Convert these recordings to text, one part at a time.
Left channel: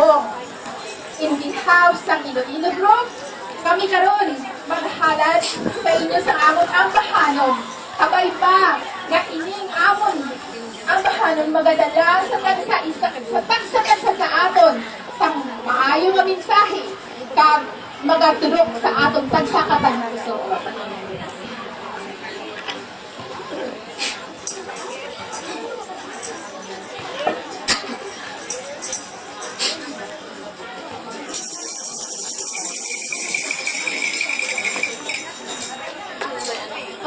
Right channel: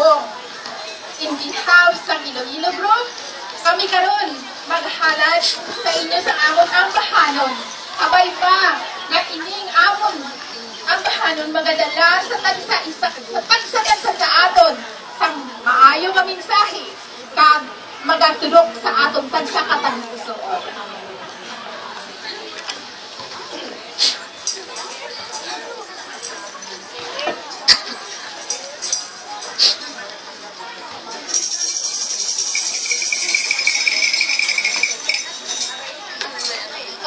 Pasko. In behalf sa Iloilo Group, kami karon maghalad sa inyo sa amon ang bahanon. Kabay pa nga ining amon ang bahanon magadala sa tagsa sa aton sa maayo nga mensahe kag magaturok sa aton tagsa ka tagpusoon.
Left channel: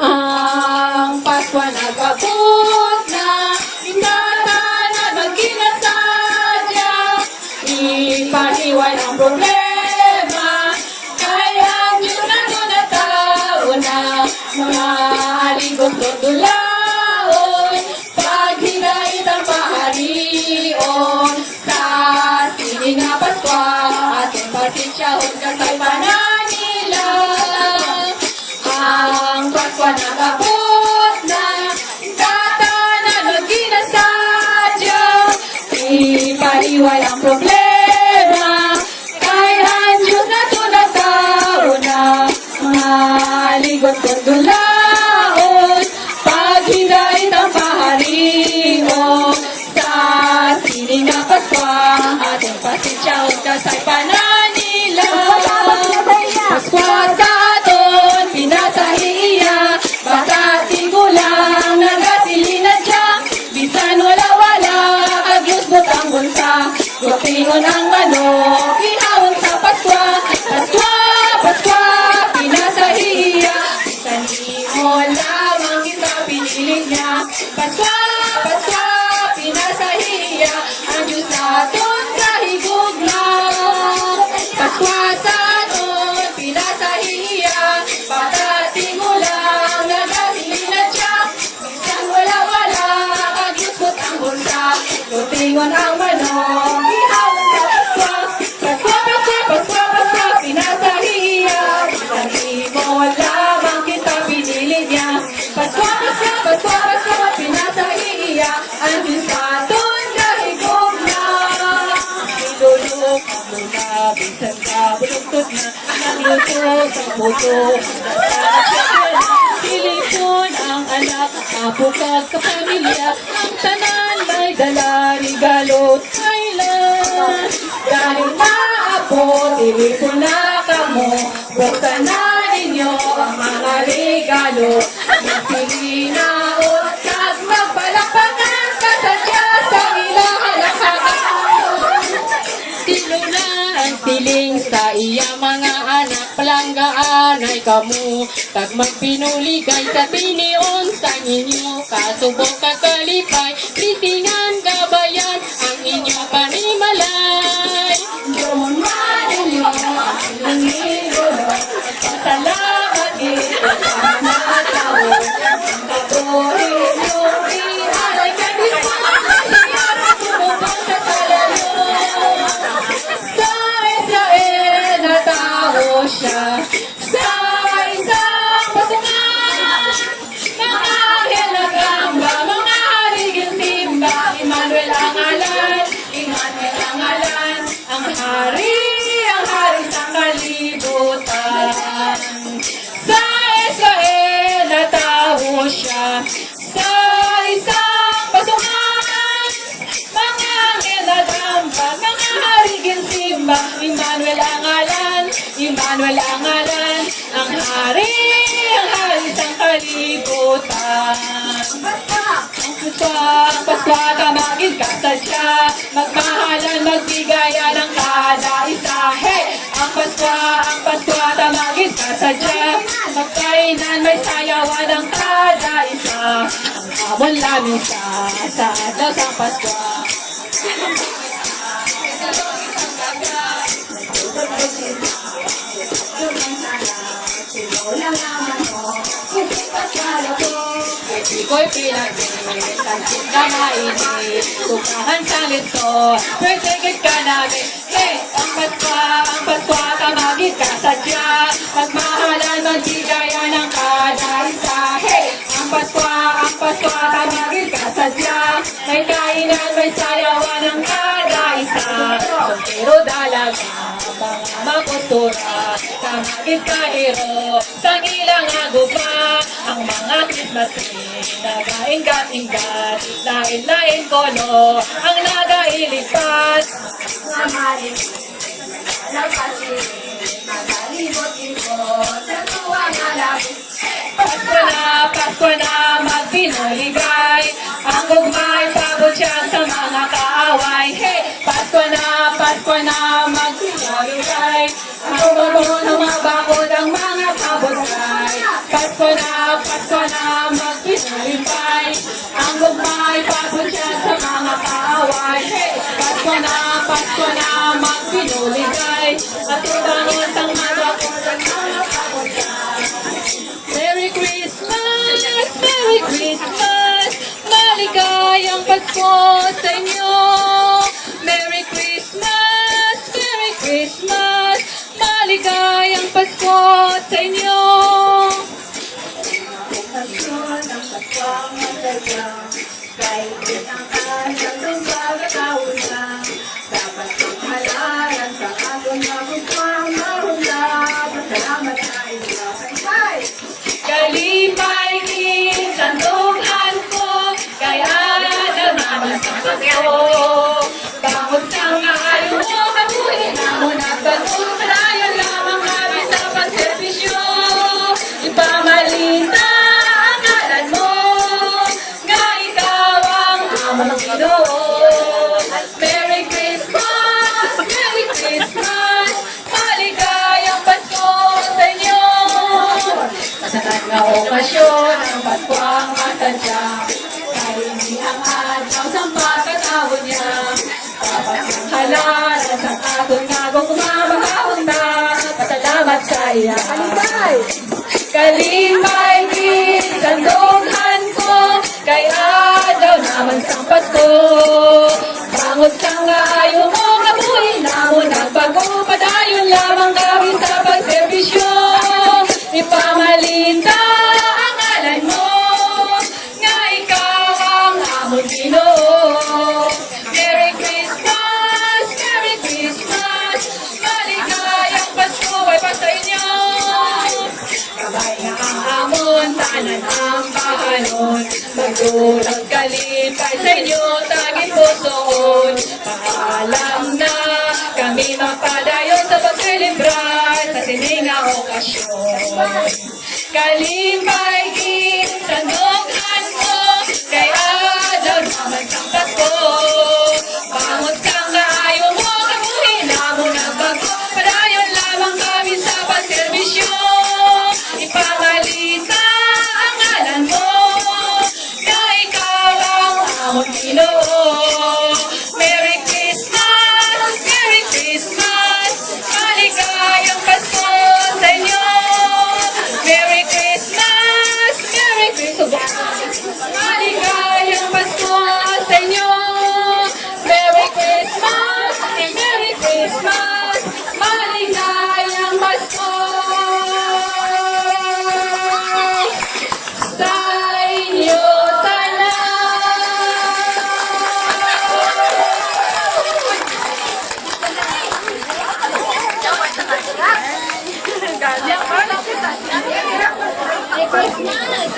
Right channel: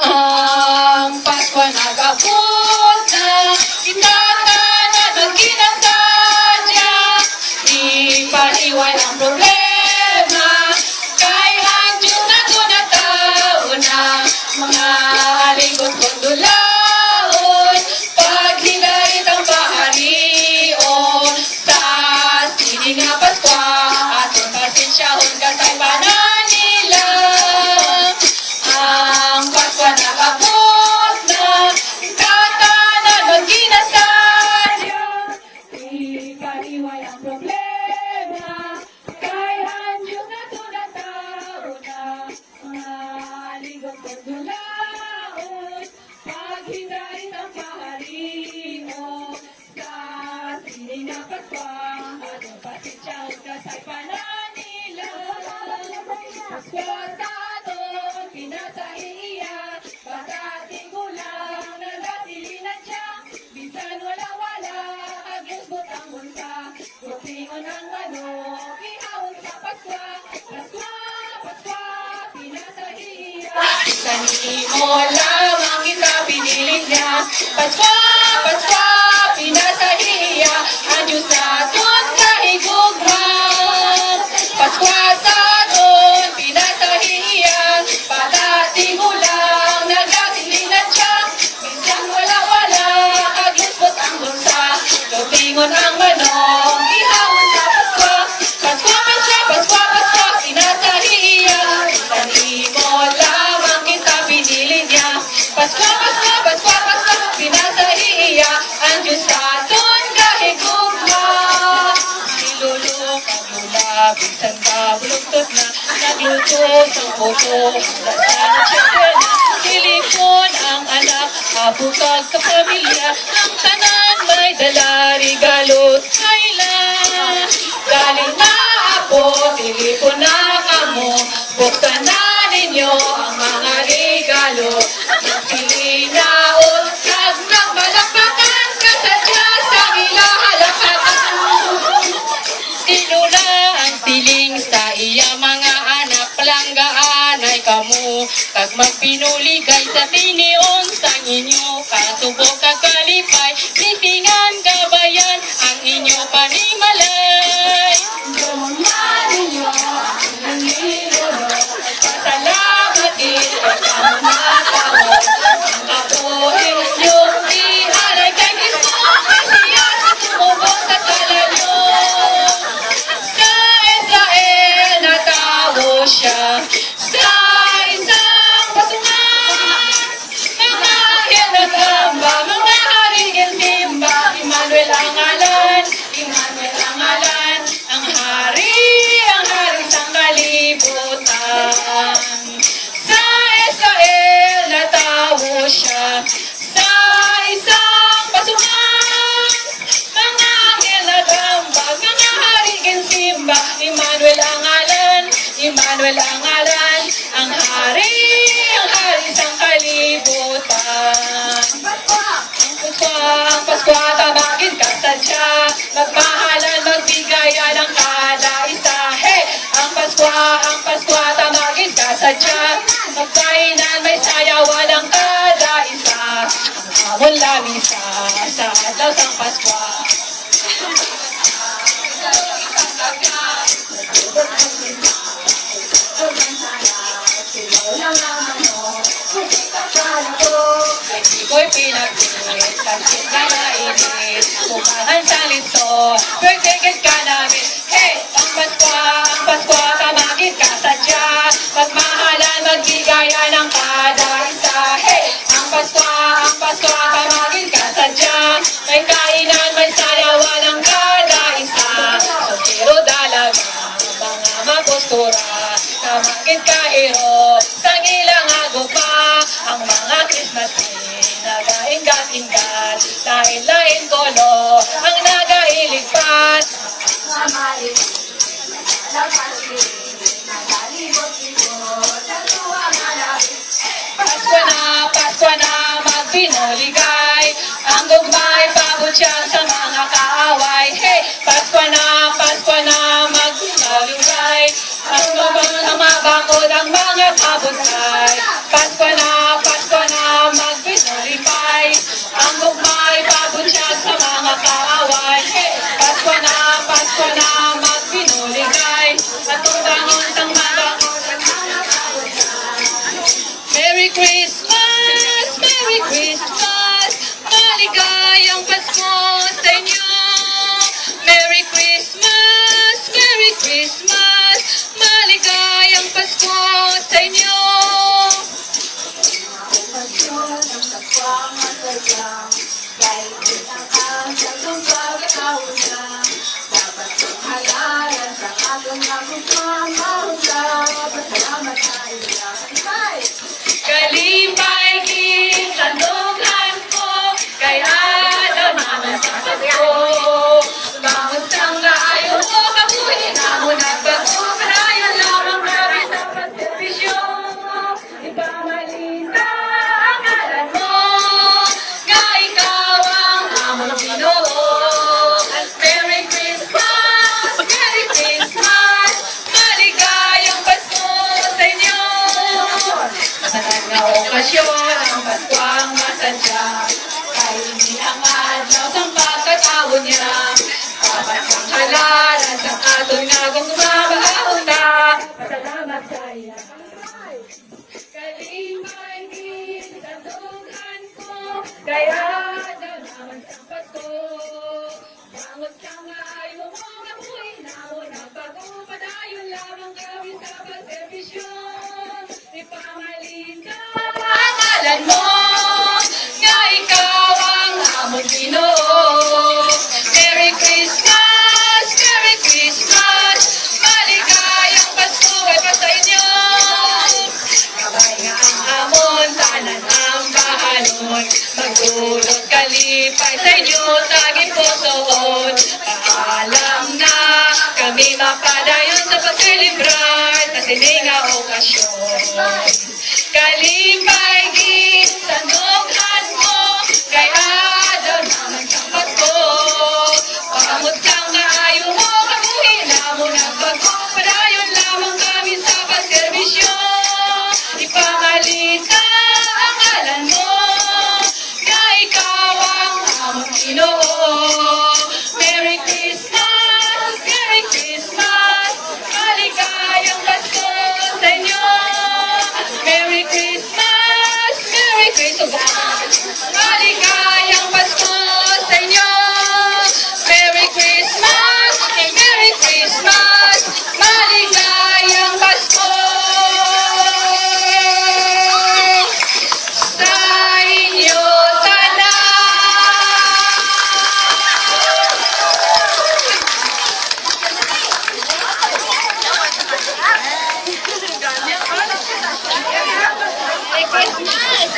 Ang Pasko nag-abot na, itata na nagkinasadya, ipaniway ang problema, kaya ang Diyos na tunatao na, mga aligot kondulaon, paghigait ang baharion, sa sining nga Pasko, ating pasensyahon kasay pananila. Ang Pasko nag-abot na, tata na nagkinasadya, ipaniway ang problema, kay ang Diyos na tunatao na, mga aligot kondulaon, paghigait ang baharion, sa sining nga Pasko, ating pasensyahon kasay pananila. Pasko sa aton, pinasahiya, bata tigulang, nagasilina siya, bisan wala-wala, agyos butang bunsa, gupingon ang manok, ihawon sa Pasko, Pasko, Pasko, pinasahiya, sanio lamang kita pinili niya, Pasko, Pasko, pinasahiya, ang Diyos naton kahigugma, Pasko sa aton, pinasahiya, bata tigulang, nagasilina siya, minsan wala-wala, agyusbot ang bulsa, tutingon ang manok, ihawon sa Pasko, Pasko, Pasko, Pasko, Pasko, pinasahiya, dali mo lamang kita pinili niya, Pasko, Pasko, Pasko, Pasko, pinasahiya, ang Diyos naton kahigugma. Nilulok, naglula, bisan ka, buluktot na, nagluto sa puto, dasana siyempre na, silipon ang anak, apo kag kapamilya, ang tanan may dala, regalo, Thailand. Galing na apo, tilipon na kamo, buksan na ninyo ang mga regalo, silinaon, kag nagbalakbakan, kasadya sa ilahalakak. Tilo na ang siling sa iya mga anak, palanggaan ay kamu, kag magpinuligay sa tinion sa inyo, kasubok kakalipay, litingan gabayan, ang inyo panimalay. Salamat ito na tao, ako inyo ihalay kay Kristo, siya sumubok sa talanyo. Sa Israel na tao siya, sa isang patungan, mga anghel nagamba, mga harigil simba, Emmanuel ang ngalan, Emmanuel ang ngalan, ang hari sa kalibutan. Sa Israel na tao siya, sa isang patungan, mga anghel nagamba, mga harigil simba, Emmanuel ang ngalan, Emmanuel ang ngalan, ang hari sa kalibutan. Ang Pasko, tamagin ka sadya, magmahalan, magbigayan ng kada isa. Hey! Ang Pasko, tamagin ka sadya, magkainan, may sayawan ng kada isa. Ang amon lamisa sa adlaw sang Pasko. Ko'y pinagpit, tagsit na mainit, tukangan sa lito, birthday ka namin. Hey! Ang Pasko, tamagin ka sadya, magmahalan, magbigaya ng kada isa. Hey! Ang Pasko, tamagin ka sadya, may kainan, may sayawan ng kada isa. Soltero mga mapostura sa magid kahiro sang ilang agugma ang mga Christmas tree nagainggat-inggat lain-lain kolo ang nagailigpat Pasko na magpinoligay ang gugmay pabutyag sa mga kaaway hey Pasko na magpinoligay ang mabakod ang mga kabutyag Pasko na magpinolipay ang gugmay pabutyag sa mga kaaway hey Pasko na magpinoligay at utangon sang mabakod Merry Christmas! Merry Christmas! Maligayang Pasko sa inyo! Merry Christmas! Merry Christmas! Maligayang Pasko sa inyo! Kalipay king sandughan ko kay adlaw naman sa Pasko Bangod sang layo mo kabuhi namo nagbago padayon lamang kami sa pagserbisyo ipamalita ang ngalan mo nga ikaw ang among Ginoo Merry Christmas Merry Christmas maligayang Pasko sa inyo sa nagka-okasyon ang Pasko ang masadya kay hindi ang adlaw sang pagkataon niya dapat ang halalan sang aton nga gumabahon na pasalamat sa iya kalimay din sandughan ko kay adlaw naman sang Pasko bangod sang ayo mo kabuhi namo nagbago padayon lamang gawin sa pagserbisyo ipamalita ang ngalan mo nga ikaw ang among Ginoo Merry Christmas Merry Christmas maligayang Pasko ay pa sa inyo kamay nga ang amon tanan ang kahanon magdulot kalipay sa inyo taging pusoon paalam na kami mapadayon sa pagselebrar sa sininga okasyon kalipay gid sandughan ko kay adlaw naman sang Pasko bangot kang kaayo mo kabuhi namo nagbago padayon lamang kami sa pagserbisyo ipamalita ang ngalan mo nga ikaw ang among Ginoo Merry Christmas Merry Christmas maligayang Pasko sa inyo Merry Christmas Merry Christmas maligayang Pasko sa inyo Merry Christmas Merry Christmas maligayang Pasko sa inyo tanan Merry Christmas!